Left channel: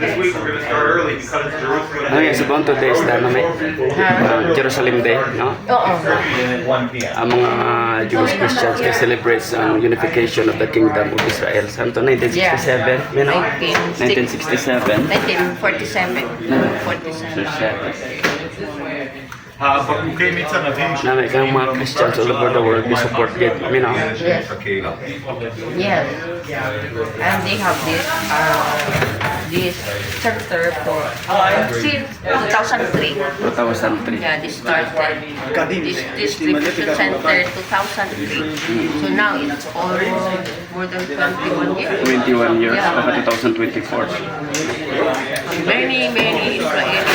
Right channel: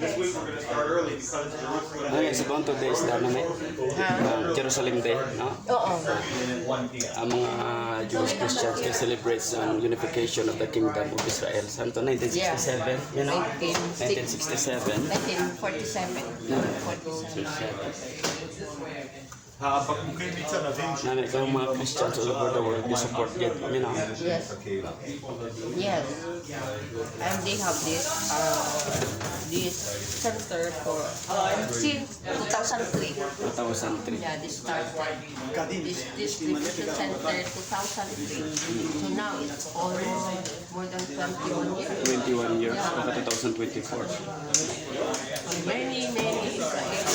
This week we're gonna start early because it's Jerusalem. Ano yung subong today is the ano, may? Jerusalem Day, no? Oo. 1 p.m. Ang mga Jewish Christians they celebrate ang unification of the Kingdom of Israel. Santo 1967, you know? 1967. 1947. 47. הקבוקי מצנבים Na may kang mga Christians all over the world, they support it, you know? Yes. הקהילה. Yes. And they have this center for since 2003. 2003. Yeah, they started this distribution center 2003. So now it's almost more than 21 years. 21 years, Yeah. baka 2024. Many Israelis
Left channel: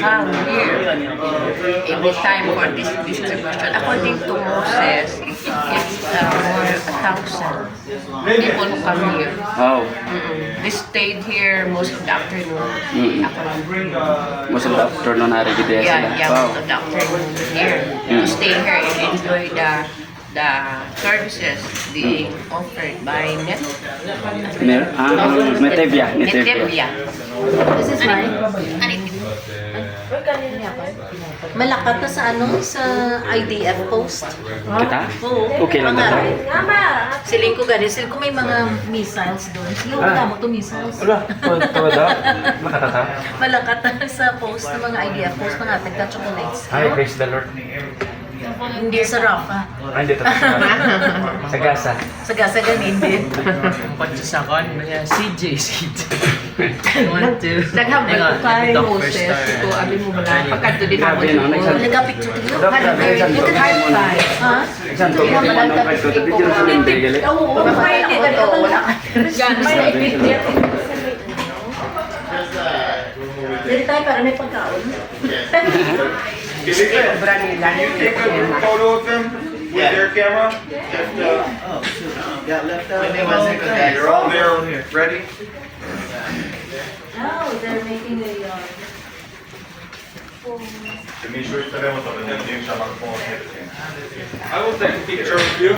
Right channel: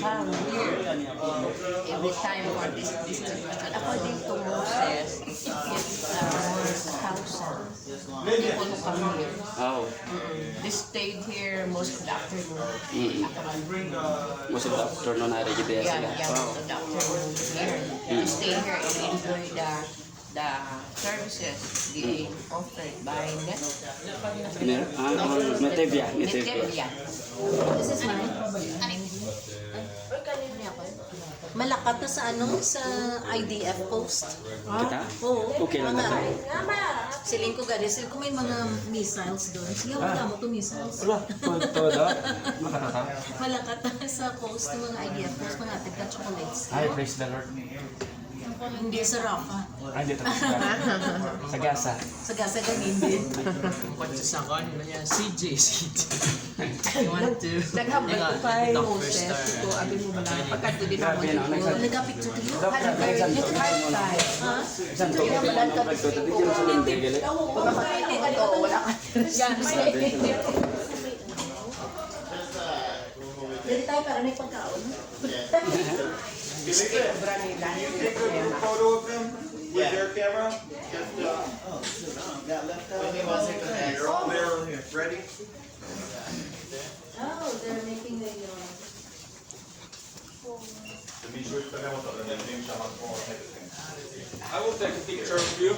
come here every time for this distribution. According to Moses, it's more 1,000 people who come here. Wow. They stayed here most of the afternoon. Ako lang. Most of the afternoon narigid Yeah, sila. yeah, Wow. most of the afternoon here. To stay here and enjoy the services being offered by Netevia. Netevia. This is mine. Ano Malakat na sa ano? Sa IDF post. Kita? Oo. Okay lang Mga- naman. Siling ko ganun. Siling ko may mga missiles doon. Sige, wala mo to missiles. Wala, tawad makatata. Malakat na sa post ng mga IDF post. Mga nagka-chocolates. Hi, praise the Lord. Hindi sa Rafa. Ay, dito. Sa Gaza. Sa Gaza ganin din. Pagsasakon, may CJ. One, two. Naghambal ko kay Moses. Ito, abi mo mula. Pagkanto din ako Grabe, no? dito. Nagka-picture ko dito. You can high five. Ha? Saan to? Ano ba ito? Dabi Jerusalem Day, gali? Oo. Papay ako to. Wala ka. Yan, Dito tayo para may pagkaon. sobra nila. Can you take a photo of them with their camera? You're all there, ready? Oh, they're making a מישהו יצלם אותו ותדעים שם כמו... I will take a picture of you.